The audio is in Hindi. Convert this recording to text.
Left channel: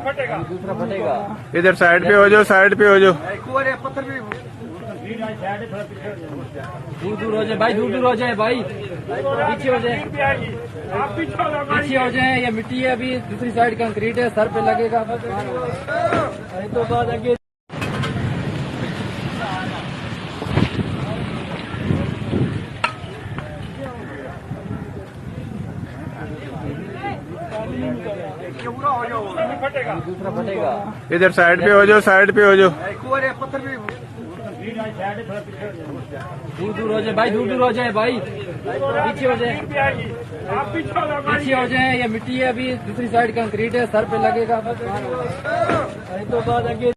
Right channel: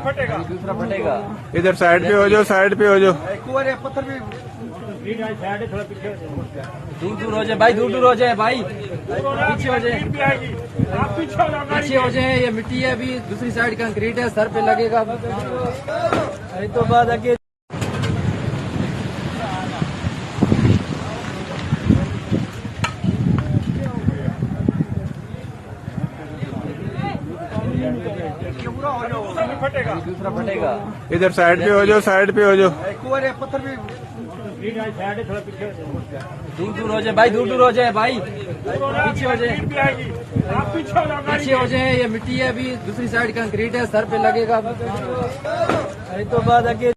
दूसरा फटेगा। इधर साइड पे हो जाओ, साइड पे हो जाओ। पत्थर भी दूर दूर हो जाए भाई, दूर दूर हो जाए भाई, पीछे हो जाए, पीछे हो जाए। ये मिट्टी है, अभी दूसरी साइड कंक्रीट है, सर पे लगेगा। अरे तो बाद आगे दूसरा फटेगा। इधर साइड पे हो जाओ, साइड पे हो जाओ। पत्थर भी दूर दूर हो जाए भाई, दूर दूर हो जाए भाई, पीछे हो जाए, पीछे हो जाए। ये मिट्टी है, अभी दूसरी साइड कंक्रीट है, सर पे लगेगा। अरे तो बाद आगे